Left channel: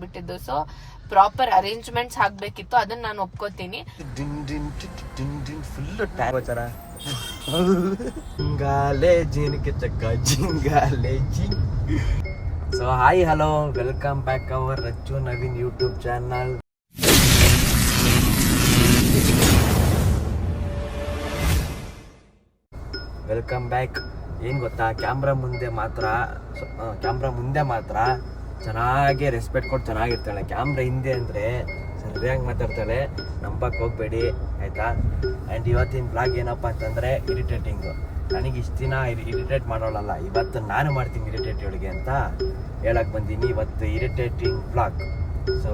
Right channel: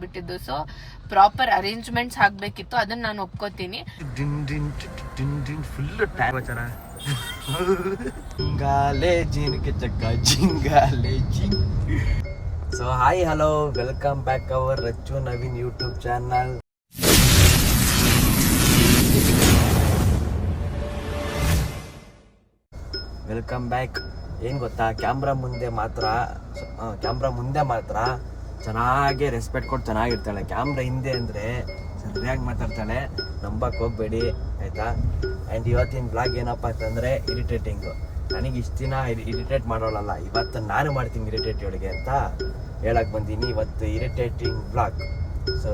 ಬಿಟ್ಟಿದ್ದು. So proper arrangements ಆಗ್ಬೇಕಿತ್ತು, ಅದನ್ನ ನಾನು ಒಪ್ಕೋತೀನಿ. ಜಿಂಗಾಲೆ ಜಿನ್ಗೆ ಚಕ್ಕ ಜಿಂಗಾಲೆ ಜಿಂಗ್. So hi hello, welcome back our Rachu Naveen YouTube channel. Welcome back. ಏನು ಗೊತ್ತಾ, ಕ್ಯಾಮ್ರಾ ಮುಂದೆ ಮಾತ್ರ ಚೆನ್ನಾಗಿ ರೆಸ್ಪೆಕ್ಟ್ ಕೊಟ್ಟು ಚೆನ್ನಾಗಿರ್ತಾಳೆ. ಕ್ಯಾಮ್ರಾ ಹಿಂದೆ ಅಂದರೆ ಸರಿಯಾಗಿ ಮಾತಾಡ್ತಾಳೆ, ನಂಬಕ್ಕೆ ಹೋಗಬೇಡಿ ಆಯಿತಾ. ಆ್ಯಂಡ್ ಇವತ್ತಿನ ಬ್ಲಾಗ್ ಏನಪ್ಪ ಅಂತಂದರೆ ಇರಿಟೇಟಿಂಗು. ನನಗೆ ಇಷ್ಟು ದಿನ ಇರಿಟೇಟ್ ಮಾಡೋಳಲ್ಲ, ಇವತ್ತು ನಾನು ಮಾಡ್ತೀನಿ ಇರಿಟೇಟ್ ಇವಳಿಗೆ ಅಂತ ಹೇಳಕ್ಕೆ ಬಂದೀನಿ. ಇವತ್ತು ಇರಿಟೇಟಿಂಗ್ ಬ್ಲಾಗ್. ಸೊ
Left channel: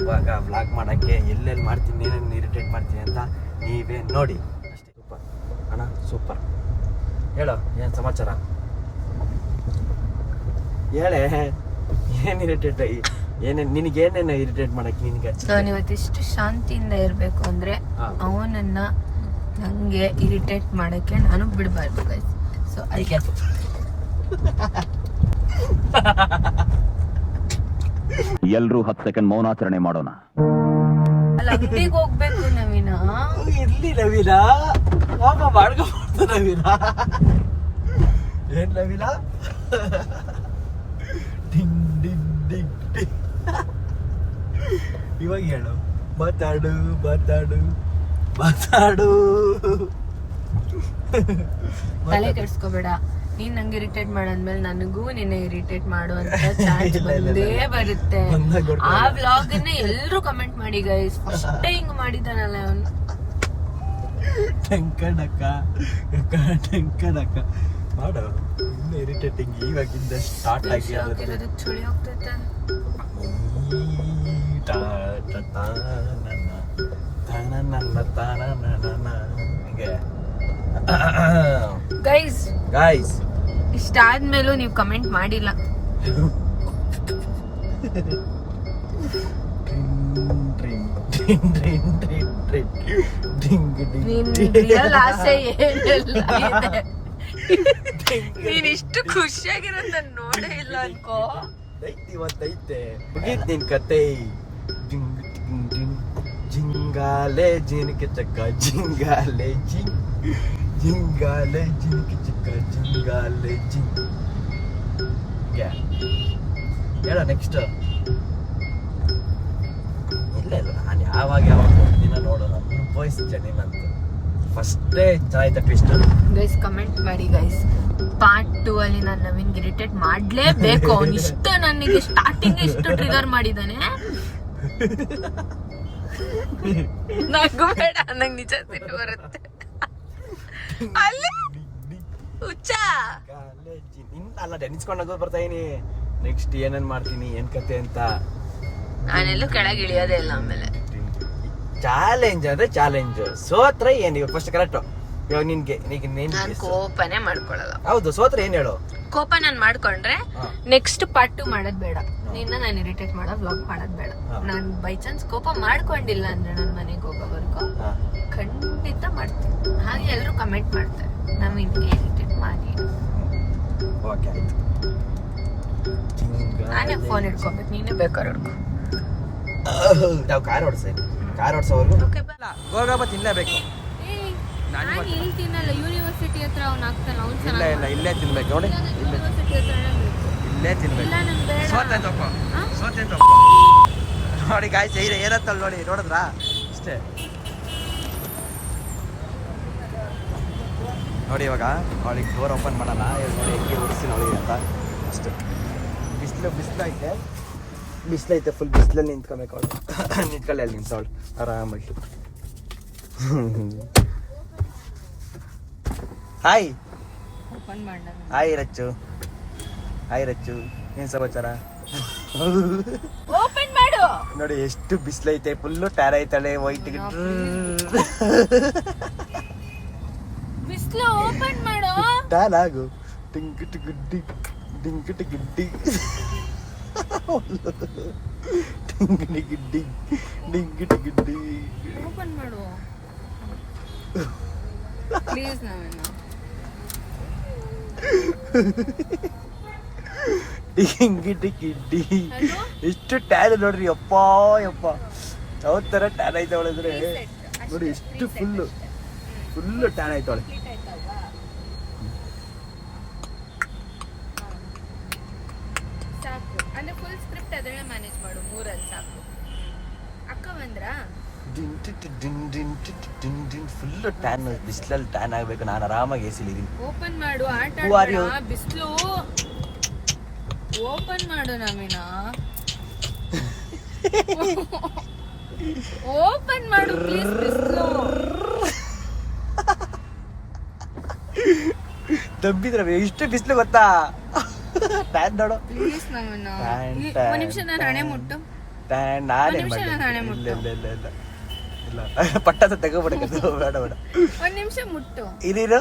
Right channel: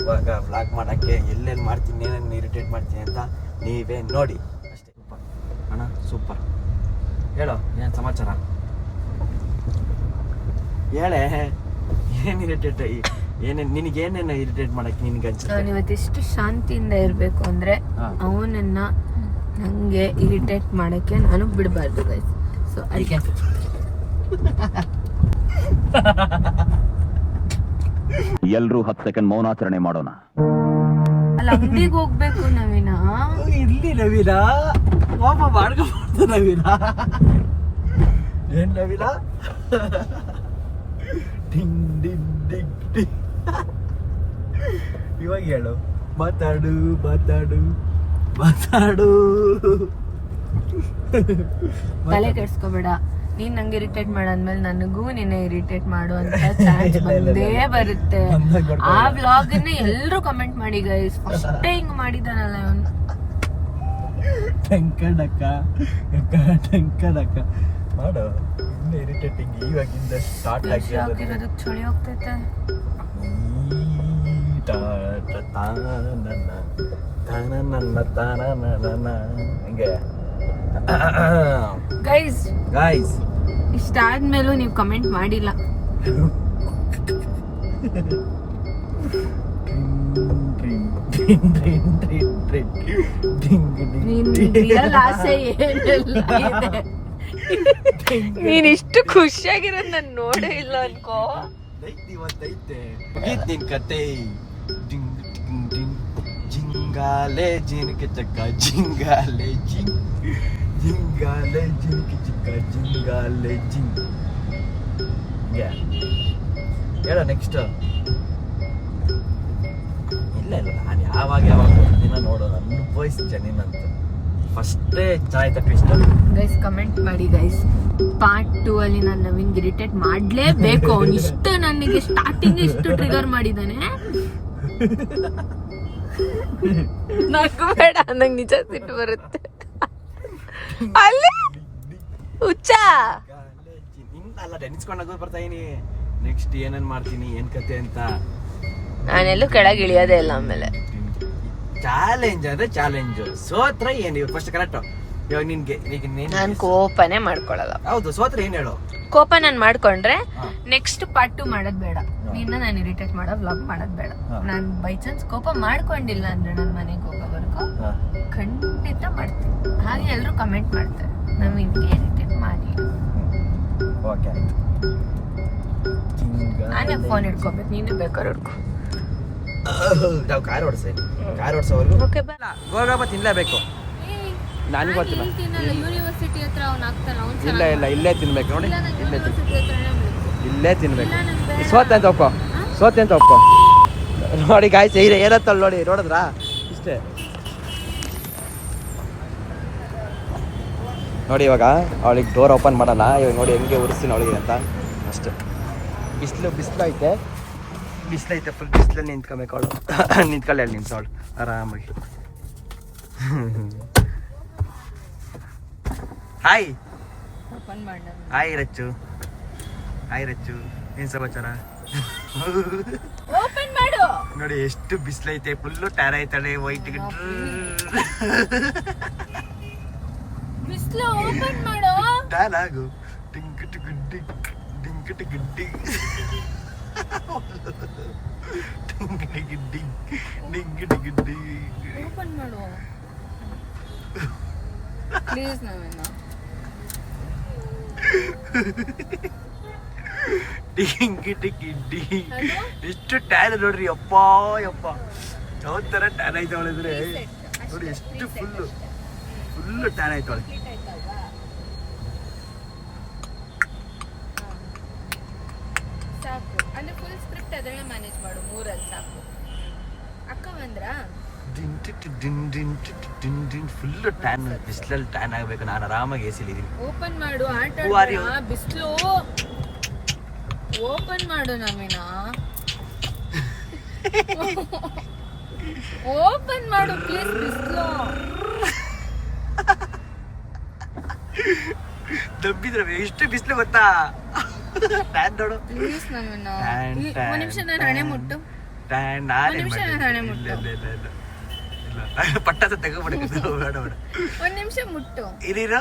ಇವಾಗ ಬ್ಲಾಗ್ ಮಾಡೋಕ್ಕೆ ಎಲ್ಲೆಲ್ಲಿ ಮಾಡ್ತೀನಿ, ಏನೇನು ಇರಿಟೇಟ್ ಮಾಡ್ತೀನಿ ಅಂತ ನೀವೇ ನೋಡಿ ಅಷ್ಟೇ. ಸೂಪರ್ ಅಣ್ಣ, ಸೂಪರ್. ಹೇಳೋ, ಏನು ಸಮಾಚಾರ ಹೇಳೇ. ಏನು ಇರಿಟೇಟ್, ನಿನಗೇನೇನು ಇರಿಟೇಟ್ ಮಾಡಕ್ಕೆ ನಿನಗೆ? ನಾನು ಇವತ್ತಿಷ್ಟು ಶಾಂತಿಯಿಂದ ಇರಬೇಕು ಅಂದರೆ ಅವನನ್ನ ನನಗೆ ಇರಿಟೇಟ್ ಮಾಡೋಕ್ಕೆ ನಾನು ಬಿಡಬಾರ್ದು ಗೈಸ್. ಸೊ ಅದಕ್ಕೆ ಎಲ್ಲರೂ 10 ಸೆಕೆಂಡ್ ಮೌನಾಚರಣೆ ಮಾಡೋಣ. ಅಲ್ಲ, ಅಂಗಡಿಗೆ ಹೋಗ್ಬೇಕು ನವೀನ. ಇರ್ಲಿ ನವೀನ, ಪಾಪ ಮಾಡ್ಕೊಬಾರ್ದು ನವೀನ. ಏನ್ ನವೀನ? ಡಿಂಗ್ ಡಿಂಗ್ ಡಿಂಗ್ ಡಿಂಗ್. ಇವಾಗ ಹೇಳು, ಮಾತಾಡು ಮಾತಾಡು ಮಾತಾಡು. ತಲೆ ಕೆಡ್ಸ್ಕೊಬೇಡ. ನೀನ್ ನಂಗೆ ಇರಿಟೇಟ್ ಮಾಡಾದ್ಮೇಲೆ ನನಗೂ ನಿನ್ನೆ ಇರಿಟೇಟ್ ಮಾಡು ಅಂತ ಚಾನ್ಸ್ ಬಂದೇ ಬರುತ್ತೆ. ಆ ವ್ಲಾಗ್ ನ ಎಲ್ರು ಕಮೆಂಟ್ ಮಾಡಿ ಗೈಸ್. ಫಸ್ಟ್ ಹಿಂಗ್ ಮಾಡಿದಾನಲ್ಲ ಅವನು. ಟಂಕಡಕ ಮಾಡು. ಇನ್ನು ಇರಿಟೇಟಿಂಗ್ ಇವಾಗಿಂದ ಸ್ಟಾರ್ಟ್ ಆಗಿರೋದು. ಚಳಿ ಹೋಗ್ತೈತೆ. ಹಿಂಗೆ ಗೈಸ್ ಇಷ್ಟಾದ್ಮೇಲೂ ನೀವು ಕಮೆಂಟ್ ಮಾಡಿಲ್ಲ. ನಿನ್ ರಿಯಲ್ ಆಸೆ ಏನೆಲ್ಲ ಇದೆ. ನೀನ್ ಇಷ್ಟು ಖುಷಿಯಾಗಿರೋದ್ ನಾನು ನೋಡೇ ಇಲ್ಲ ಅನ್ಕೋ. ಇವತ್ತೈತೆ ನಿನ್ ಕತೆ. ಜಿಂಗಾಲೆ ಜಿನ್ಗೆ ಚಕ್ಕ ಜಿಂಗಾಲೆ ಜಿಂಗ್, ಜಿಂಗಾಲೆ ಜಿನ್ಗೆ ಚಿಕ್ಕ ಜಿಂಗಾಲೆ ಜಿಂಗ್. ಹೇಳೋ ನೆಕ್ಸ್ಟ್. ಇಲ್ಲ ನಾನು ಯಾವಾಗ ದಿನ ನೋಡೋ ಅನುಭವಿಸಿದ್ದೆ ನೀನಂತ. ಫಸ್ಟೇ ಚೆನ್ನಾಯ್ತ ಟ್ವಿಸ್ಟ್. ಗೈಸ್ ಕಮೆಂಟ್ ಮಾಡಿ ಗೈಸ್. ಪಾರ್ಟ್ 2 ಅಲ್ಲಿ ನಾನು ನವೀನ್ ಇರಿಟೇಟ್ ಮಾಡ್ಲೇಬೇಕು. ಅವ್ನು ಇಷ್ಟು ನನಗೆ ಸ್ಟಾರ್ಟಿಂಗ್ ಇಷ್ಟು ಟ್ರಿಗರ್ ಮಾಡಿದ್ದಾನೆ. ನಗಬೇಡ, ನಂಗೆ ನಿಜ ಸಿಟ್ಟು ಬರುತ್ತೆ. ಅಲ್ಲಿ ಹುಚ್ಚ ಅಲ್ಲ, ನೆನ್ಸ್ಕೊಂಡಾಗ ಬರ್ತಾ ಇದೀನಿ ನೆಕ್ಸ್ಟ್ ಏನೇನ್ ಮಾಡ್ತೀನಿ, ಏನ್ ಕತೆ ಅಂತ. ನಾನೆಲ್ಲೂ ಕೆಳಗೆ ಇಳಿಯೋದೇ ಇಲ್ಲ. ಆಮೇಲೆ ಚಾಲೆಂಜ್ ಅಂದ್ರೆ ಚಾಲೆಂಜ್. ಸೋತ್ರ ಏನ್ ಇವಾಗ ಫಸ್ಟ್ ಕರೆಕ್ಟ್. ಇವಾಗ ನಿನ್ಗೆ ನಾನು ಕೋಪನೇ ಮಾಡ್ಕೊಳಲ್ಲ. ಹೌದು, ಸೋತ್ರ ಏನ್ ಹೇಳು. ಕೋಪ ನಾನು ಮಾಡ್ಕೊಂಡ್ರೆ ನೆಕ್ಸ್ಟ್ ಪಾರ್ಟ್ 2 ಮಾಡೋದ್ ಬೇಡ. ನಿನ್ನ ನಾನು ಇರಿಟೇಟ್ ಮಾಡೋ ವ್ಲಾಗ್ ಮಾಡೋದ್ ಬೇಡ. ನಾನು ಬೈ ಚಾನ್ಸ್ ಕೋಪ ಮಾಡ್ಕೊಂಡಿಲ್ಲ ಅಂದ್ರೆ ನನ್ನ ಮನೆಗೆ ಹೋಗೋವರೆಗೂ ಖಂಡಿತ ಮಾಡ್ತೀನಿ. ಹಾಗೆ ಎಲ್ಲರೂ ಕಮೆಂಟ್ ಮಾಡ್ತಾರೆ, ನಮಗೆ ಇರಿಟೇಟ್ ಮಾಡಿ. ನಾನೇ ಫೋನ್ ಇಟ್ಕೋಬೇಕು, ನೀನೇ ಬೇಕಾದ್ರೆ ಹಿಡ್ಕೊ. ನಾವು ಕಾರ್ ಓಡಿಸೋವರೆಗೂ ಓಕೆ ತಿನ್ಲೇಬೇಕು. ನಾನು ತಿನ್ನಲ್ಲ. ಯೂನಿವರ್ಸಿಟಿ ಹತ್ರ ಅವ್ನು ಆಗ್ತಾನ. ಇಲ್ಲ ಇಲ್ಲೇ ತಿನ್ಬೇಕು ನೋಡಿ. ಯೂನಿವರ್ಸಿಟಿ ಹತ್ರನೇ ಬೇಕು. ಇಲ್ಲೇ ತಿನ್ಬೇಕು. ಸೋತೆ ಅಂತ ಒಪ್ಪ ನೋಡಿ ಗಾಯ್ಸ್. ಏನತ್ತಲ್ಲ ನೋಡಿ, ನೋಡಿದ್ರಾ? ಇಷ್ಟೇ ನೋಡಿ. ಇವಾಗ ಅವಳಿಗೆ ಡೋರ್ ಓಪನ್ ಮಾಡೋಣ. ಇವಾಗ ನೋಡಿ ಹೆಂಗೆ ಉರಿಸ್ತೀನಿ ಅವಳಿಗೆ ಅಂತ. ಅಷ್ಟೇ. ಬಿಸಿಲೈತೆ ಫುಲ್. ಬಿಸಿಲಲ್ಲಿ ನಿಂತ್ಕೊಬೇಕು ಅವಳು. ನಿಂತ್ಕೊಳ್ಳಿ ಅಲ್ಲಿ ನಿಂತ್ಸವಳು ಆರಾಮಾಗಿ. ಹಾಯ್ ಓಪನ್ ಮಾಡ. ಹಾಯ್ ರಚ್ಚು ಏನ್ ಸಮಾಚಾರ? ಓಪನ್ ಮಾಡು. ನೋಡಿ ಎಷ್ಟು ಬಿಸಿಲೈತೆ, ಫುಲ್ಲು ಟ್ಯಾರ ಐತಾಳೆ. ವೈಟ್ ಬಿಸಿಲು. ಓಪನ್ ಮಾಡು. ಟ್ಯಾನ್ ಆಗು. ಟಿಂಕಿಟ್ ಗುಡ್ಡಿ ಡಿಂಕಿಟ್ ಗಿಡ್ಡಿ ಡಿಂಗಿಟಿ ಗಿಡ್ಡಿ. ಓಪನ್ ಮಾಡು. ಪ್ಲೀಸ್ ನವೀನ. ಡಿಂಗಿ ಟಿಕ್ಕಿ ಡಿ ಎಷ್ಟು ಟ್ಯಾನ್ ನೋಡ್ರಿ ಯಪ್ಪ ಯಪ್ಪ ಯಾವ ತರ ಟ್ಯಾನ್ ಆಯ್ತಾವಳೆ ಅಂದ್ರೆ ನೋಡಿ ಎಷ್ಟು ಫುಲ್ ಟ್ಯಾನ್ ಆಯ್ತಾವಳೆ. ಸಾಕು ಅಂದ್ರೆ ಫುಲ್ ಸ್ಕ್ರಿಪ್ಟ್ ಅದನ್ನೇ ಮ್ಯಾನೇಜ್ ಮಾಡು, 3 ಸಾಕು. ಅಕ್ಕ ಬಂದ್ರ ಫುಲ್ ಟ್ಯಾನ್, ಬಿಸಿಲಲ್ಲಿ ಟ್ಯಾನ್ ಆಗ್ಬೇಕು. ನಾನು ಆರಾಮಾಗಿ ಎಸಿಲಿದ್ದೀನಿ. ಓಪನ್ ಮಾಡು, ಆಟ ಬಿಸ್ಲು. ಓಪನ್ ಮಾಡು ನವೀನ, ಓಪನ್ ಮಾಡು ಪ್ಲೀಸ್. ಬಿಸ್ಲು ದಬ್ಬಿದ್ರೆ ಎಷ್ಟು ಬಿಸಿಲು ಗೊತ್ತಾ? ಟ್ಯಾನ್ ನೋಡು ಪ್ಲೀಸ್ ನವೀನ. ಒಂದ್ ನಿಮಿಷ ನಾನು ಹಣೆ ಮುಟ್ಟು. ಪಟ್ಟಾಸ ತಗೋಬಿಡಕ್ಕೆ ಬೇಡ ಬೇಡ. ಒಂದ್ ನಿಮಿಷ ಮುಟ್ಟು. ಇರೀರು.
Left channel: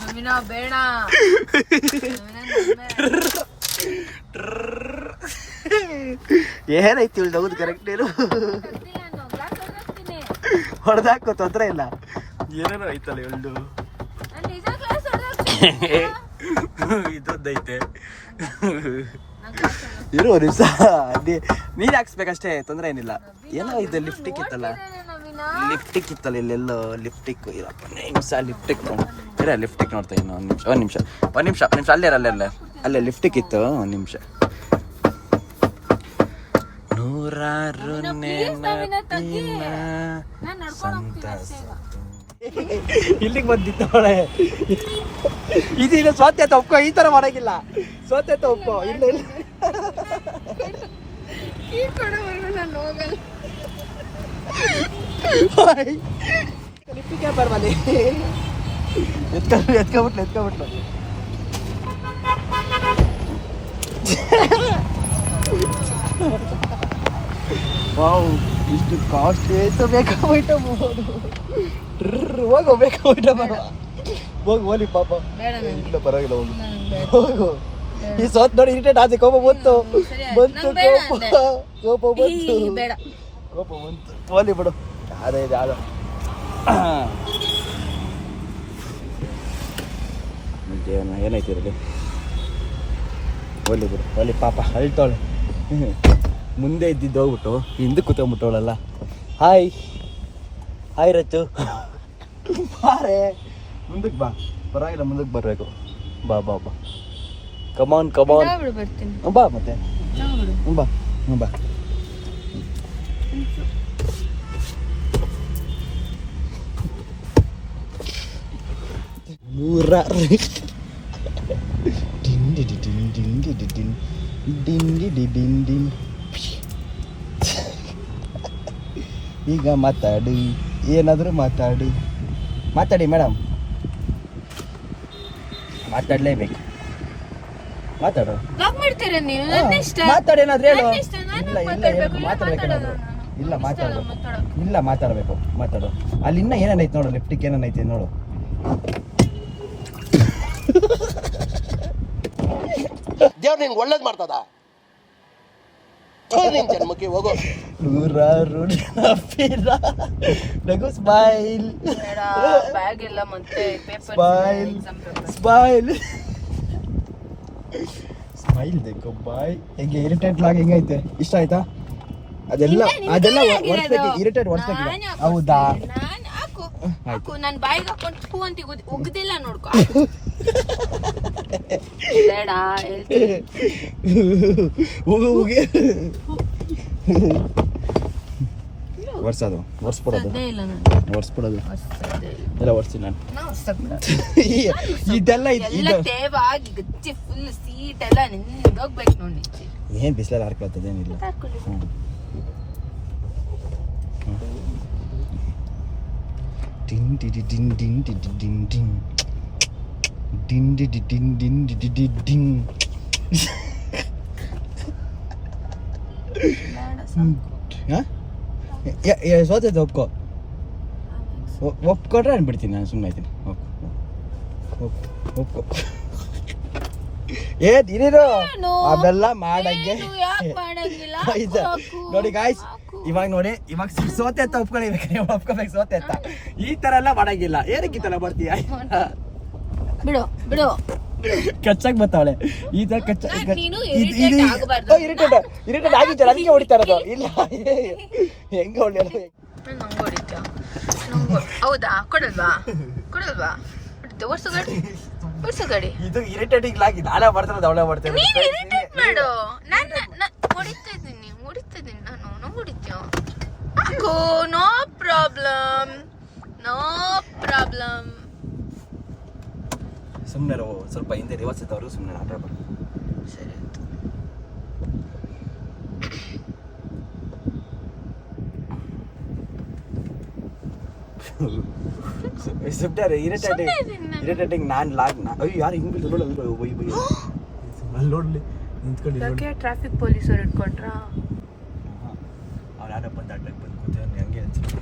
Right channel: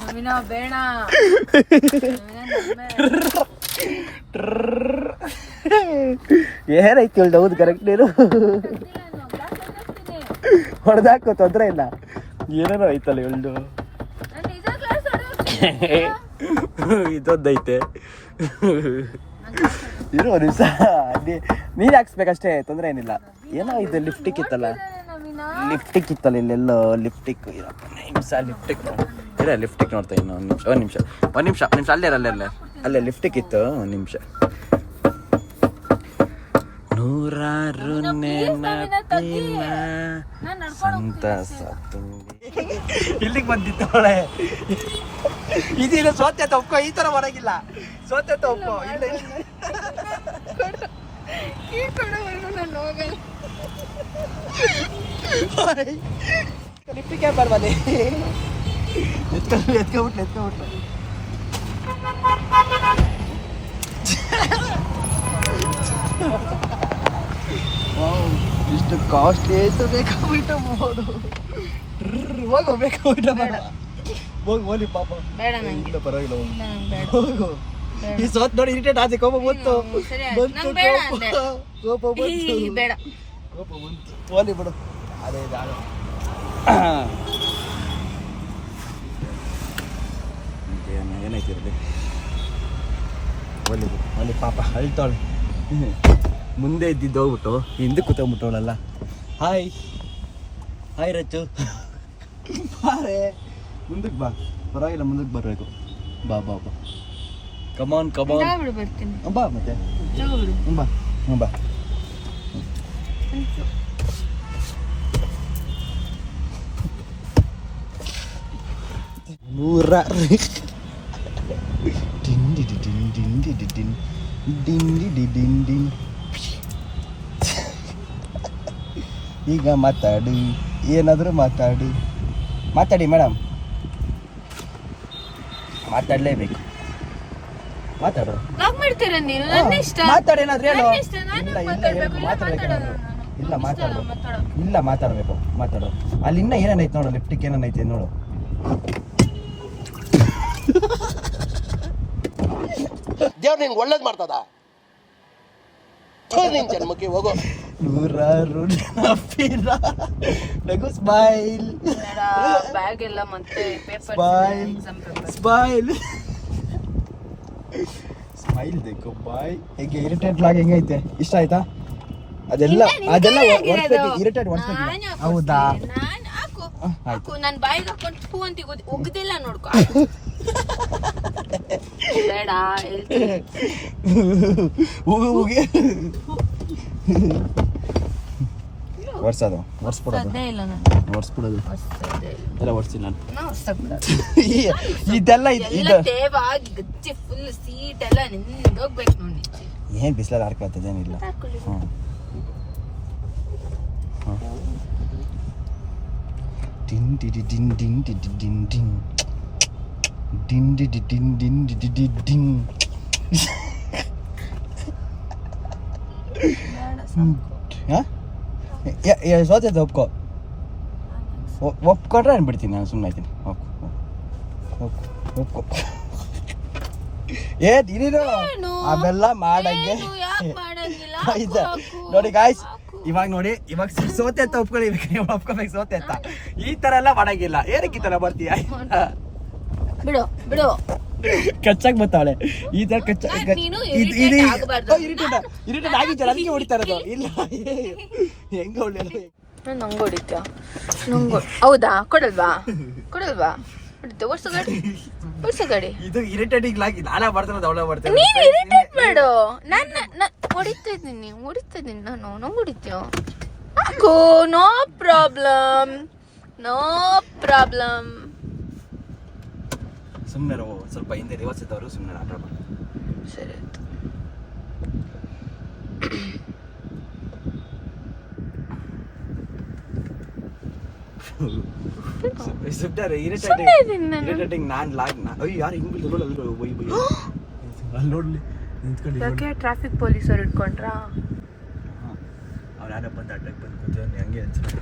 ನವೀನ ಬೇಡ. ಏನಾಯ್ತು ಹೇಳಿ? ಹೌದು ಕರೆಕ್ಟ್. ನೀನು ಹೊಡೆದಾಕೋ, ತೊಂದ್ರೆ ಇಲ್ಲ. ಏನೇನೋ ಐತಲ್ಲ ಹೇಳ್ದು. ಇದೊಂದೈತೆ. ಇರೋ ದಿವಸ ನೀರು ಹಾಕ್ಸ್ಬೇಕಷ್ಟೇ, ತೊಂದರೆ ಏನಿಲ್ಲ. ಏನೋ ಇದು ಲಿಫ್ಟಿಕ್ ಇತ್ತಲ್ಲ, ಲಿಫ್ಟಿಕ್ ಇತ್ತಲ್ಲ ಇಲ್ಲೆಲ್ಲೋ ಲಿಫ್ಟಿಕ್. ಇರಪ್ಪ ನಿಮಿಷ ಲಿಫ್ಟಿಕ್ ಇರ, ಲಿಫ್ಟಿಕ್ ನೋಡ್ತಾ ಇನ್ನು ಒಂದು ನಿಮಿಷ ಅಲ್ಲೇ ಲಿಫ್ಟಿಕ್ ಇತ್ತು. ಒಂದು ನಿಮಿಷ. ನೂರಾರು ನೆನಪಿನ ಸಂತಸ ಇಲ್ಲಿಗೆ ಬಂದಿತ್ತವಳೆ. ಇದೇನು ಸೋತೆ ತಪ್ಪೋ, ಈ ತರ ಮಾಡಂಗಿಲ್ಲ. ಸೋತೆ ತಪ್ಪೋ. ಇಲ್ಲ ಇಲ್ಲ ಲಿಫ್ಟಿಗೆ ಬರ್ಬಲ್ಲಿ. ಎತ್ಕೊಂಬಿಟ್ಲ. ಇಷ್ಟು ಕಾಸ್ಟ್ಲಿ ಬೇಕಾಗ್ಬಿಟ್ಟ ನೋಡು. ಹೋಗ್ಬೇಕಾಗ್ಬಿಟ್ಟ ಹೋಗ್ಲಿ ಪಾಪ. ಪರವಾಗಿಲ್ಲ ಹೋಗು. ಈ ಸೋತ್ ನೋಡಿ ಇರಿಟೇಟ್ ಆಚೆ ಕೋಪ ಬಂತು. ಕೋಪ ಬಂತು. ಹೋಲಿ ಬಿಡು. ಅದೇ ಏನಾಯ್ತು ಇರಲಿ. ಹೋಲಿ ಬಿಡು. ಹೋಲಿ ಪಾಪ ಅಳ್ತಾವಳೆ. ಮುಂದೆ ಇದ್ದಿದ್ದು ಹೋಗ್ಬಿಟ್ಟು ಹಿಂದಕ್ಕೆ ಕೂತ್ಕೊಂಡ್ಬಿಟ್ಟವಳಲ್ಲ. ಹಾಯ್ ರಚ್ಚು, ಬಾರೆ ಮುಂದಕ್ಕೆ ಬಾ. ಪರವಾಗಿಲ್ಲ, ಮುಂದಕ್ಕೆ ಬರಬೇಕು. ಬಾ ಕಮಾನ್ ಬರ್ತೀನಿ. ಬಾ ಮತ್ತೆ ಬಾ. ಈಗ ಮಾತಾಡಿ, ಏನಾದರೂ ಮಾತಾಡಿ ಮೇಡಮ್. ಮಾತಾಡಲೇಬೇಕು. ಮಾತಾಡು. ಮಾತಾಡೇನಾದ್ರೂ ಹೇಳು. ಇಲ್ಲ ಮಾತಾಡ್ಬೇಕೇನಾದ್ರು. ಇಲ್ಲ ಮಾತಾಡಬೇಕು. ಮಾತಾಡು. ಅಲ್ಲಿ ಇನ್ನ ಏನೇನೈತೆ ನೋಡು, ಲಿಫ್ಟಿಕ್ ಏನೇನೈತೆ ನೋಡು. ದೇವ್ರು ನಿನ್ಗೆ ಒಳ್ಳೇದು ಮಾಡ್ತದ. ನಿನ್ ಜನ್ಮಕ್ಕೆ ಹೋಗೋ. ನೂರಾರು ನಗು. ಸ್ಮೈಲ್. ಬ್ಯಾಗ್ ಎಲ್ಲ ಮತ್ತೆ ಸ್ಮೈಲ್ ದೇಕೋ ಬಾಯ್. ಹೇಗೆ ಇರಿಟೇಟ್ ಲಾಗ್ ಹೆಂಗೈತೆ? ಇಷ್ಟ ಆಯ್ತಾ? ಅದೆಲ್ಲ ಇರಿಟೇಟ್ ಒಡ್ಸ್ಬೇಕು. ಹೌದಾ? ನನ್ ಬಾಯಿಗೆ ಹಾಕೊಂಡು ಹೂ ಅಂತ ಒಗ್ದಿಲ್ಲ ನೋಡ್ಕೊ. ಬೇಡ ಒರ್ಸ್ಬಿಡೋದು ಎಲ್ಲ ಒರ್ಸ್ತೀನಿ ನಾನು. ಇದೆಲ್ಲ ತೇವಾಗಿ ಗಚ್ಚಿ ಫುಲ್ ಸೀಟ್ ಎಲ್ಲ ನಿಂದೋಗ್ಬೇಕು ನೋಡಿ. ಏನ್ ಬಿಸಿಲಲ್ಲಿ ಹಾರ್ಕೊಳ್ತದೇನಿಲ್ಲ. ಸೋತೈತೆ ಒಪ್ಕೊಟ್ರೆ ಅನ್ಬಿಡ್ತೀನಿ ನಾನು. ಸುಮ್ಮನೆ ಆಯ್ತೀನಿ. ಒಪ್ಕೊ. ಇರೀರು ಅವೆಲ್ಲ ಮಾಡಂಗೆ. ನೋಡಿ ಗಾಯ್ಸ್, ಇವಾಗ ನೋಡಿ ಇವಾಗ ಸೋತೆ ಅಂತ ಒಪ್ಕೋಬೇಕು ಸೋತೆ ಅಂತ. ಈ ತರ ಎಲ್ಲ ಮಾಡಂಗಿಲ್ಲ. ಏನಕ್ಕೆ ಈ ತರ ಬರ್ತೀಯ? ಬಿಡು ಬಿಡು. ಕಚ್ಚಾಕ್ ಬರ್ತಾವಳೆ ಈ ತರ ನೀನು irritate ಆಗ್ಬಾರ್ದು. ಇರಿಟೇಟ್ ಆಗಿದ್ದಲ್ಲ ಅದಕ್ಕೆ ಹೊಡಿತಾ ಇರೋದು. ಇಲ್ಲ ಹೆಂಗ ಹೊಡೆಯಲ್ಲ ನಂಗೆ ಹೊಡಿತಾ ಹೌದಾ? ಕೊಡಲ್ವಾ ಹೊಡಿತೆ. ಓಡ್ಸು ಗಾಡಿ. ಇದು ಇರಿಟೇಟಿಂಗ್ ಆಗಿ ನಾನೇ ಬರ್ತಾನೆ ಅವಳೇ ಬರ್ತಾನೆ. ನೀನು ಇರಿಟೇಟ್ ಮಾಡು. ನಾನು ಹೊಡಿತಾ ಇದ್ದೀನಿ ನಾನು. ನಂಗೆ ಹೊಡಿತೀಯ? ಹಾಕು. No problem. ಸುಮ್ಮನೆ ಸ್ವಲ್ಪ ಹಿಂದೆ ರಿವರ್ಸ್ ಇದ್ದವರು ಸುಮ್ಮನೆ ಆಟ ಆಡ್ಬಾರ್ದು. ಸರಿ ಸುಮ್ಮನೆ ಇರಿಟೇಟಿಂಗ್ ನಾನು ಅಯ್ಯೋ ಯಾರು ಹಿಂಗ್ ಬಿದ್ದು ನಾನು ನೋಡ್ಲಿ ನಿಂತ್ಕೊಂಡು ಟ್ರಾಫಿಕ್ ಪೊಲೀಸರು ಇಟ್ಕೊಂಡ್ರಾ? ಅವ್ರು ಯಾರೋ ಬಂದು ಅಡ್ಡಕ್ಕೆ ಬಂದು ಕೂತೇನೆ ಹಂಗೆ ಅನ್ಸುತ್ತೆ.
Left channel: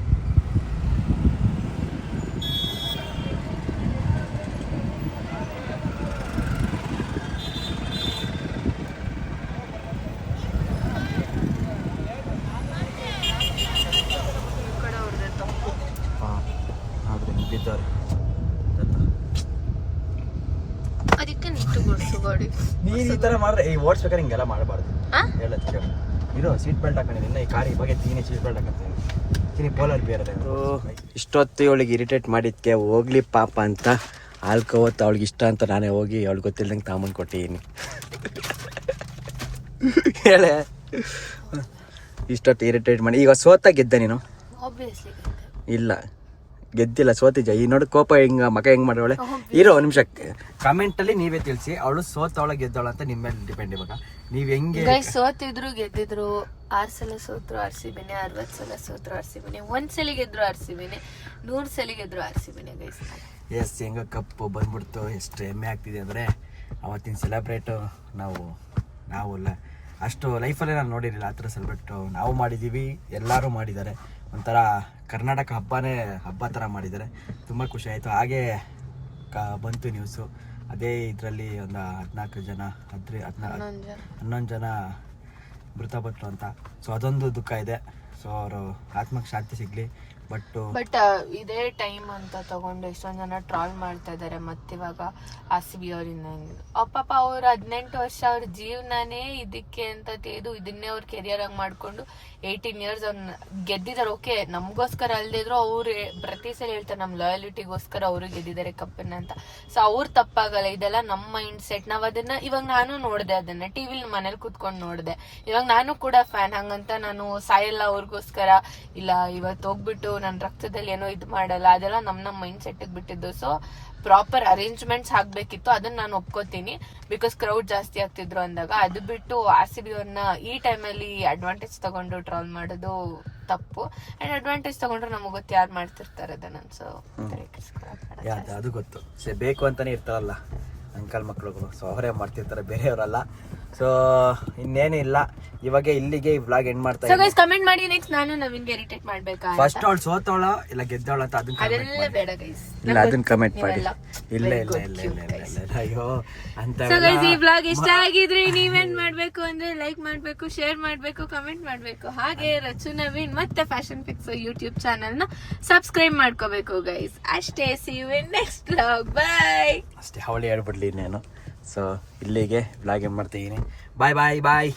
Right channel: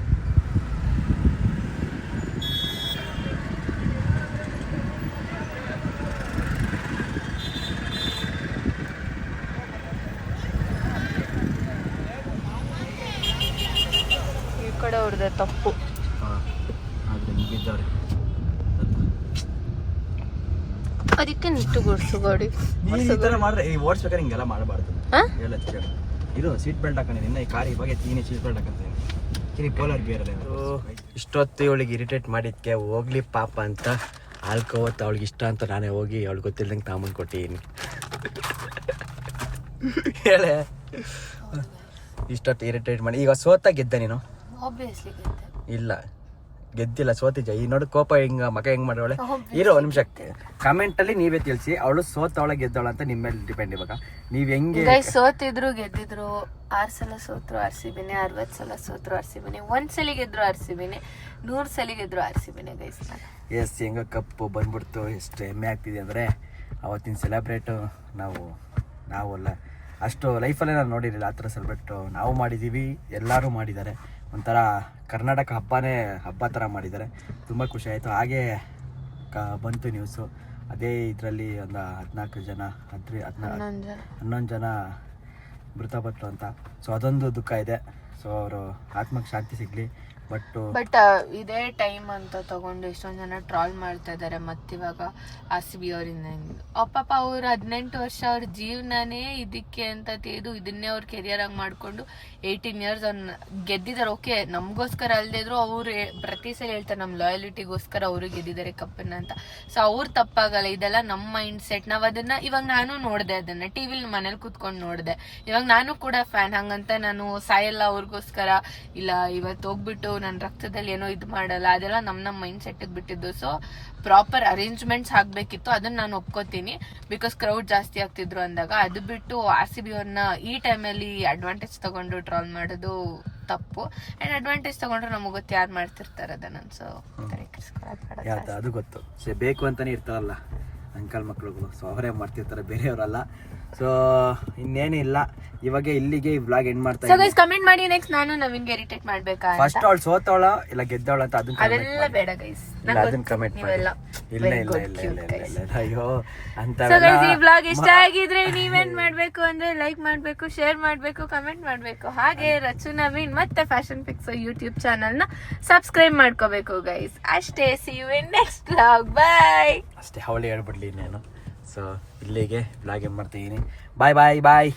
ಈ ಕಡೆ ಅವ್ರದ್ದು ತಪ್ಪು. ಆದ್ರೆ ಬಿದ್ದವ್ರೆ ಅದಕ್ಕೆ ನಿಂತು ಗುಡ್ಸು ಗಾಡಿ. ನೀನ್ ಈ ತರ ಮಾಡ್ರೆ ಓಡಿಸ್ಬೇಕಾದ್ರೆ ಹಿಂಗೆಲ್ಲ ಮಾಡಬಾರ್ದು. ಹೇಳತ್ ಕೇಳು. ಇದು ಸೀಟ್ ಬೆಲ್ಟ್ ಹಾಕೊಂಡು ನಿನ್ನ ಈ ಕಾರ್ ಇವಾಗ ತೀನಿ ಸೀಟ್ ಬೆಲ್ಟ್ ಹಾಕಂತೀನಿ ಪೋಲಾರ್ ಬಿಯರ್ ಅಲ್ಲ. ಇಷ್ಟೊತ್ತು ಇವಳಿಗೆ ಇರಿಟೇಟ್ ಮಾಡಿದ್ಕೆ ಹೋಗ್ಲಿ ಪಾಪ ಅಂತ ಆಲ್ಕೋವತ್ತು ಅವಳಿಗೆ ಇಷ್ಟ ಅಂತ ನಾನೇ ಹೋಗಿ ಅವಳಿಗೆ ಗೊತ್ತಿಲ್ದಂಗೆ ತಾಂಬಂದು ಕೊಟ್ಟಿದ್ದೀನಿ. ಹೇಳೆ ಇಷ್ಟೊತ್ತು ಇರಿಟೇಟ್ ಮಾಡಿ ಈಗ ಸೋತ ಗೆದ್ದೆ ನೀನು? ಇಲ್ಲ ಗೆದ್ದಿಲ್ಲ, ಸೋತಿದ್ದ. ಈ ನೋಡಿ ಕೋಪ ಹಿಂಗ ಮಗ ಹೆಂಗ್ ಮಾಡೋಳೆ. ಇರೋ ಒಂದು ನಿಮಿಷ ಕಮೆಂಟ್ ಅಲ್ಲಿ ನೀವೇ ತಿಳಿಸಿ ಅವಳು ಸೋತವಳ ಗೆದ್ದವಳ ಅಂತ ನಿಮ್ಮ ಮೇಲೆ ಡಿಪೆಂಡ್. ಇವಾಗ ನೀವ್ ಹೆಂಗೆ ಸೋತಿದ್ರು ಗೆದ್ದಿದ್ರು 6 ಸಲ ಸೋತ್ರು RCBನೇ, 60 ಸಲ ಸೋತ್ರು RCBನೇ, 1 ಸಲ ಗೆದ್ರು RCBನೇ, 100 ಸಲ ಗೆದ್ರು RCBನೇ ಗೈಸ್. ಎಸ್ ಹೆಂಗ ಕಪ್ಪು ಬಂದ್ಬಿಡ್ತು. ಎಷ್ಟು ಹೆಮ್ಮೆ ಆಗ್ತಿದೆ ಅಂದರೆ ಅವತ್ತಿನ ಸೆಲೆಬ್ರೇಟು ನಾವು ಅಲ್ಲ ಅಷ್ಟು ಲೈಫಲ್ಲೇ ನಾನು ನೋಡಿರಲಿಲ್ಲ. ಆ ಥರ ಸೆಲೆಬ್ರೇಟ್ ನಾವು ಮಾಡಿದ್ದೀವಿ, ಎಲ್ಲರೂ ಮಾಡಿದ್ದಾರೆ. ಒಂಥರ ಕರ್ನಾಟಕ ಹಬ್ಬ ಥರ ಮಾಡಿದ್ದಾರೆ. ತುಂಬ ಖುಷಿ ಆಯಿತು. ಹಾಗೆ ಬಂತು ನ್ಯೂಸು, ಅದೇ ಇದರಲ್ಲಿ ಒಂದು 14 ಜನ 11 ಜನ ಮೃತಪಟ್ಟರು ಅಂತ. ಸೊ ಅದೊಂದು ದುಃಖ ಇದೆ. ಸೊ ಅವರು ಆತ್ಮಕ್ಕೆ ಶಾಂತಿ ಸಿಗಲಿ. ಬಟ್ ಇದೇ ಟೈಮ್ ಅಂತ ತಗೊಂಡು ಎಷ್ಟೊಂದು ಜನ ಟ್ರಾಲ್ ಮಾಡ್ತಾ ಇದ್ದಾರೆ. ಮತ್ತಿವಾಗ RCB ಅವರಿಂದ ಪಾಪ ಅವ್ರು 18 ವರ್ಷ ಅವ್ರ ಜೀವನನೇ ಇದಕ್ಕೆ ಅಂತ ತೆಗೆದು ಇದನ್ನೇ ಅವ್ರ ಕೆರಿಯರ್ ಆಗಿ ಮಾಡ್ಕೊಂಡು 18 ಇಯರ್ಸ್ ಅವ್ರನ್ನ ಗೆದ್ದಿದ್ದಾರೆ. ಓಕೆ ನಮಗೋಸ್ಕರ ಅಲ್ಲದೆ ಇದ್ರು ಅವ್ರು ಪ್ರತಿ ಸಲ ಹೇಳ್ತಾರೆ ನಮ್ಮ ಲಾಯಲಿಟಿಗೋಸ್ಕರ ಅವರು ಗೆದ್ದಿದ್ದಾರೆ ಕಪ್ಪನ್ನ ಅಂತ. ಸೊ ಅವ್ರು ತಪ್ಪಾಗಲ್ಲ, ಇದೆಲ್ಲ ನಮ್ಮ ಮೈಂಡ್ ಸೆಟ್. ನಾವು ಅದನ್ನ ಇವಾಗ ನಾನು ನೋಡಿದೆ, ಅದನ್ನ ಟಿವಿಲಿ ಮನೇಲಿ ಕೂತ್ಕೊಂಡು ನೋಡಿದೆ. ಇವಾಗ ನಾನು ಕೂಡ ಫ್ಯಾನ್. ಹಂಗಂತ ನಾನು ಸಾಯಲ್ಲ ಅವ್ರಿಗೋಸ್ಕರ, ಇಲ್ಲ ಇವತ್ತು ಹೋಗ್ಬಿಟ್ಟು ನನ್ನ ರಕ್ತದಲ್ಲಿ ಏನೋ ಇದು ಮಾಡಲ್ಲ, ಅದೆಲ್ಲ ನಮ್ಮ ಮೈಂಡ್ ಸೆಟ್ಗೆ ಬಿಟ್ಟಿದ್ದು. ಸೊ ಪ್ರಾಪರ್ ಅರೇಂಜ್ಮೆಂಟ್ಸ್ ಆಗ್ಬೇಕಿತ್ತು, ಅದನ್ನ ನಾನು ಒಪ್ಕೋತೀನಿ. ಬಿಕಾಸ್ ಕ್ರೌಡ್ ಜಾಸ್ತಿ ಆಗ್ತಿದ್ರು ಅಂದಾಗ. ಅದು ಬಿಟ್ಟು RCB ಅವ್ರನ್ನ ಈ ಟೈಮಲ್ಲಿ ಅಡ್ವಾಂಟೇಜ್ ತಗೊಂಡು ಟ್ರಾಲ್ ಮಾಡೋದು ತಪ್ಪು. ಅಂಡ್ ಅಡ್ವಾಂಟೇಜ್ ತಗೊಂಡ್ರೆ ನಮಗೆ ಗೊತ್ತು ಯಾರು ಮಾಡ್ತಿರ್ತಾರೆ ಅದನ್ನ. ಸೊ ಅದು ಗೊತ್ತು, ಬೇಕು ಅಂತಾನೆ ಇರ್ತಾರಲ್ಲ ಅಂಕಲ್ ಮಕ್ಳುಗಳು. ಸೊ ಅವರೇ ಮಾಡ್ತಿರ್ತಾರೆ, ಬೇರೆಯವರಲ್ಲ. ಸೊ ಇನ್ನೇನು ಇಲ್ಲ, ಇವಾಗ ಇಲ್ಲಿಗೆ ಈ ವ್ಲಾಗ್ ಎಂಡ್ ಮಾಡ್ತಾ ಇದ್ದೀನಿ. ಕಮೆಂಟ್ ಮಾಡಿ ನೆಕ್ಸ್ಟ್ ನಾನು ನವೀನ್ಗೆ ಇರಿಟೇಟ್ ಮಾಡ್ಬೇಕಾ? ಫಸ್ಟ್ ಅವಳು ಸೋತವಳ ಇಲ್ಲ ಗೆದ್ದವಳ ಅಂತ ಅದನ್ನ ಬೇಡ ಗೈಸ್, ಅದನ್ನ ಕಮೆಂಟ್ ಮಾಡಿ. ಇಲ್ಲ ಅಯ್ಯೋ ಅಂತ. ಈ ವ್ಲಾಗ್ ಇಷ್ಟ ಆಗಿದ್ರೆ ನೀವೇನ್ ಮಾಡ್ಬೇಕು ಅಂದ್ರೆ ಲೈಕ್ ಮಾಡ್ಬೇಕು, ಶೇರ್ ಮಾಡ್ಬೇಕು, ಕಮೆಂಟ್ ಮಾಡ್ಬೇಕು. ಹಾಗೆ ರಚು ನವೀನ್ ಮತ್ತೆ ಫ್ಯಾಷನ್ ಪಿಕ್ಸ್ ಯೂಟ್ಯೂಬ್ ಚಾನಲ್ ನ ಸಬ್ಸ್ಕ್ರೈಬ್ ಮಾಡ್ಕೋಬೇಕು ಗೈಸ್. ಅಷ್ಟೇ. see you in next vlog. bye. ಅಷ್ಟೇ, ಅವಳೇ ಹೇಳ್ಬಿಡ್ಲಿ ನಾನು. ಸೊ ಇಲ್ಲಿಗೆ ವ್ಲಾಗ್ ಏನ್ ಮಾಡ್ತಾ ಇದೀನಿ. ಬಾಯ್ ಬಾಯ್ ಬಾಯ್.